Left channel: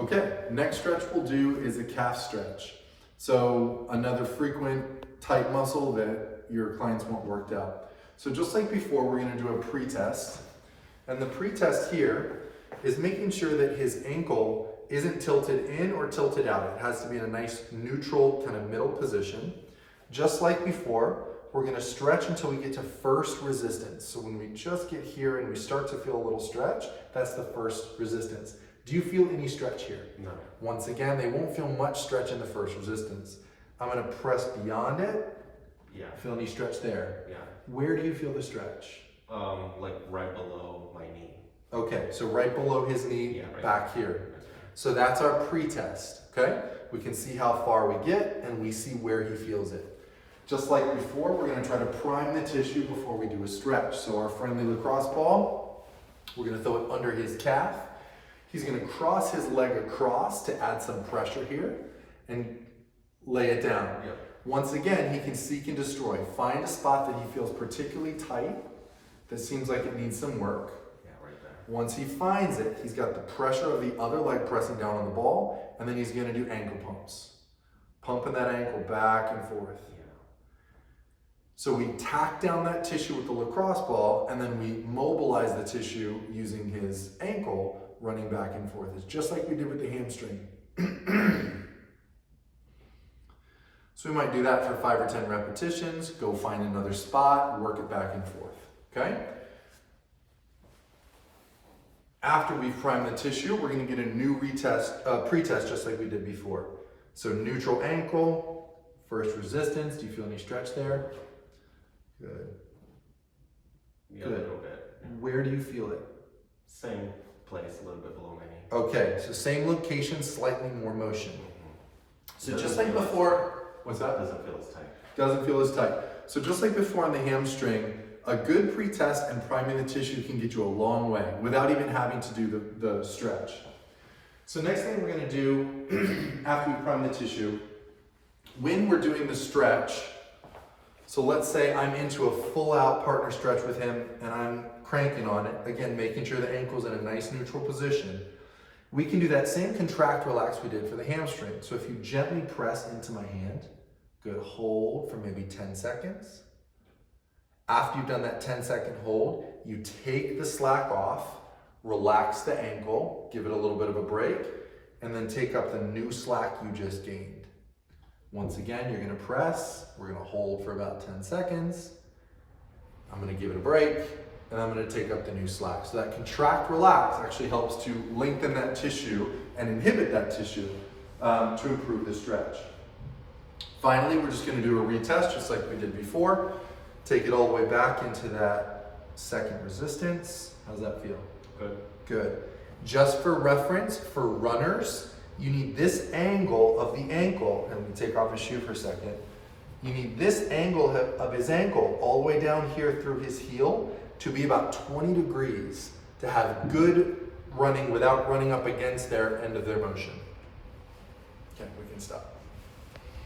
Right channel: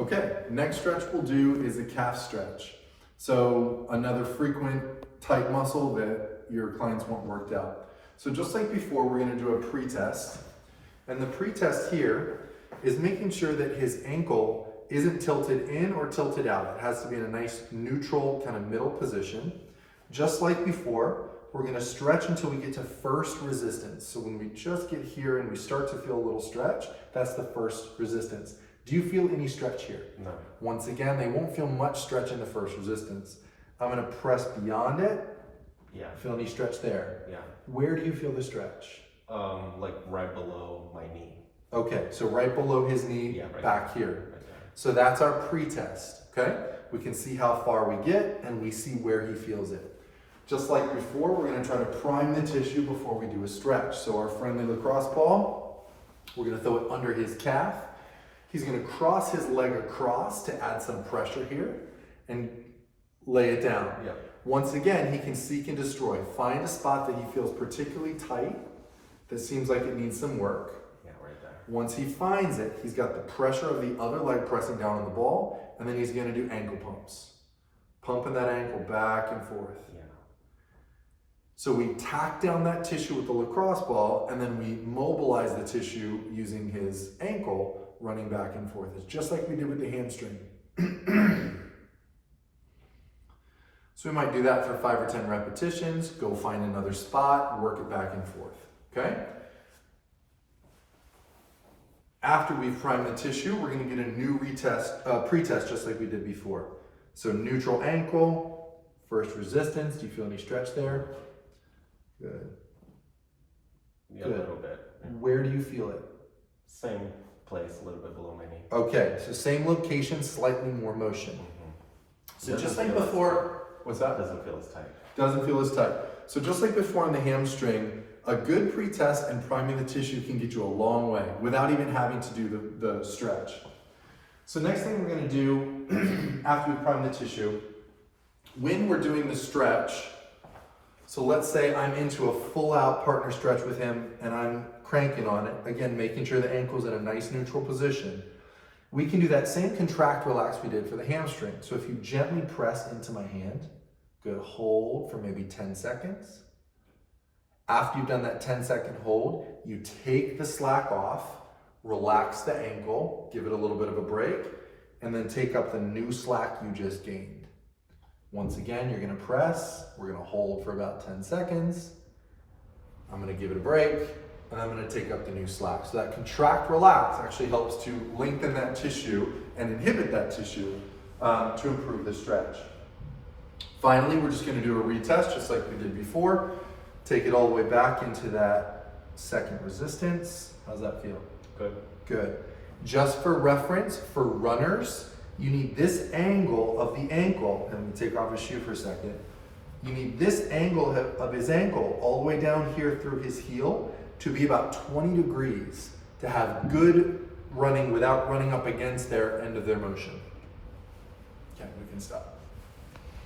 Okay, next stretch we'll do is a calf stretch. So another frequent tight muscle that your clients want worked out. So just like before, we're gonna do a pre-test. And the pre-test here is making sure that his ankle isn't tilted in or tilted out. It has to be in a nice neutral kind of middle position. Just like before, we're gonna stretch until we get to first resistance. So when we just get here and we start to feel a little stretch, that's the first resistance. Do you feel any stretch here? No. Once again, they won't feel much stretch in the first resistance. I'm gonna press beyond it. Yeah. Feel any stretch there? Yeah. Where do you feel the stretch? Like right below my knee. Okay, so right below his knee, Yeah, right back here. Right there. So that's our pre-test, okay? We can see how far we get and we see where he feels it. Just like before, we're gonna try to prime the tissue before we do a stretch. So our friendly lacrosse ball, we're gonna throw it under his calf. He's gonna cross his leg across to add some pressure here and lay it down. Yeah. Once again, he can seek and destroy. Find a spot that he feels particularly tight, that seems like it needs some work. Yeah, right there. Once he finds it, he's got the pressure of the other leg pressing down on the ball, and then he's gonna do ankle pumps. Pumping that ankle back and forth. Yeah. So we tack down that tissue with the lacrosse ball, and then we mobilize the tissue using his ankle, running back and forth. It's just like we did with the hamstring. So we might do that for 5 or 10 repetitions, go find another spot, work it back and forth, okay? After we've primed the tissue, we're gonna get a new pre-test just like we did before. So neutral ankle, first resistance. Do you feel any stretch there? Good. Yeah, Good. a little bit. Where do you feel it? Same place, a little bit below my knee. Okay, so same location, slightly more motion. So just like before, what's that? Doesn't feel as tight. Doesn't feel as tight. So just like before on the hamstring, a good pre-test and priming the tissue can get you a long way without even having to do the stretch. So next thing we're gonna do after we prime the tissue, when we're doing the stretch, so let's say I'm into a full out partner stretch with him and I'm cranking on it, again, making sure the ankle's in a nice neutral position. We can do that same contract relax we did for the hamstring. So if you gently press into my hand, good, hold for maybe 10 seconds. After you've done that 10-second hold, you take the slack off, relax the ankle, give it a little bit of a break, and then take up the new slack you just gained. Once again, you're gonna press, we're gonna hold for about 10 seconds. I'm gonna give it a break, and I'm gonna take up the new slack. So that contract relax actually helps to lengthen that tissue and inhibit that tissue to improve the stretch. Finally, we're just gonna do a retest just like we did before. Take it all the way back into that second resistance. How's that feel? Good. Good. Just for reference, for runners, you need this angle of the ankle, and let me take off his shoe for a second. You need this angle of his ankle all the way down here through his heel to be about 20 degrees to have good running without running up against their end of their motion. Okay, we can stop.